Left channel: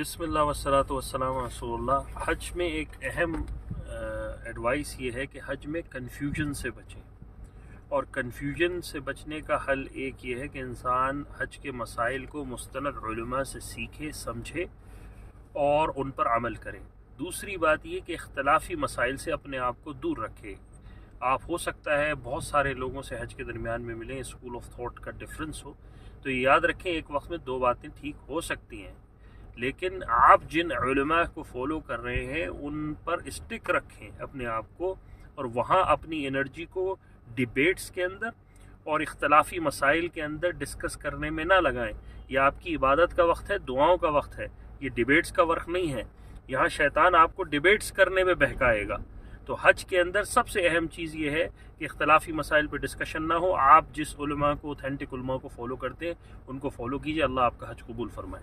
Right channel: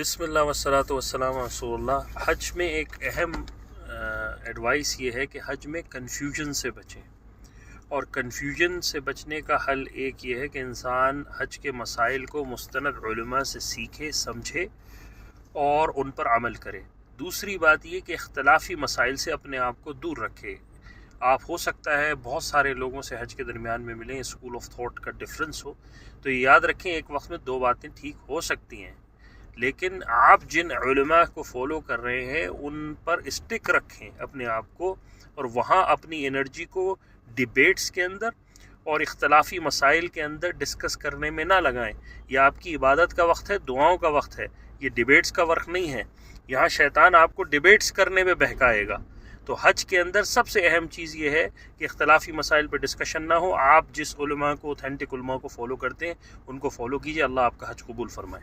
بسم اللہ والصلاۃ والسلام علی رسول اللہ۔ حج میں ایک اہم ایڈوائس یہ ہے کہ حج میں کنفیوژن سے بچیں، اور کنفیوژن سے بچنے کا حل ایک یہ ہے کہ انسان حج کے مسائل کو مستند علماء سے سیکھے، سمجھے اور ان پر عمل کرے۔ دوسری بات یہ کہ اختلافی مسائل سے اپنے آپ کو دور رکھے۔ آپ ہو سکتا ہے بہت سارے لوگوں سے حج کے درمیان میں ملیں، اسکول آف تھاٹ کا ڈفرینس ہو، تو یہ یاد رکھیں ایک وقت میں دو باتیں ٹھیک ہو سکتی ہیں، لیکن آپ جن علماء کو فالو کر رہے ہیں ان پر اسٹک رکھیں اپنے آپ کو، اور وہاں اپنی انرجی کو ڈیبیٹس کے اندر اور اختلافی مسائل کے اندر ڈسکس کرنے میں نہ لگائیں۔ یہ آپ کی عبادت کا وقت ہے، دعاؤں کا وقت ہے، یہ ڈیبیٹس کا وقت نہیں ہے۔ یہاں شیطان آپ کو ڈیبیٹس کرنے میں بہکائے گا۔ تو حج کے اندر سب سے اہم چیز یہ ہے کہ اختلافی مسائل پہ ڈسکشن نہ ہو۔ آپ جس علماء کو، اوتھینٹک علماء کو فالو کرتے ہیں ان کو فالو کیجئے۔ اللہ آپ کا حج قبول فرمائے۔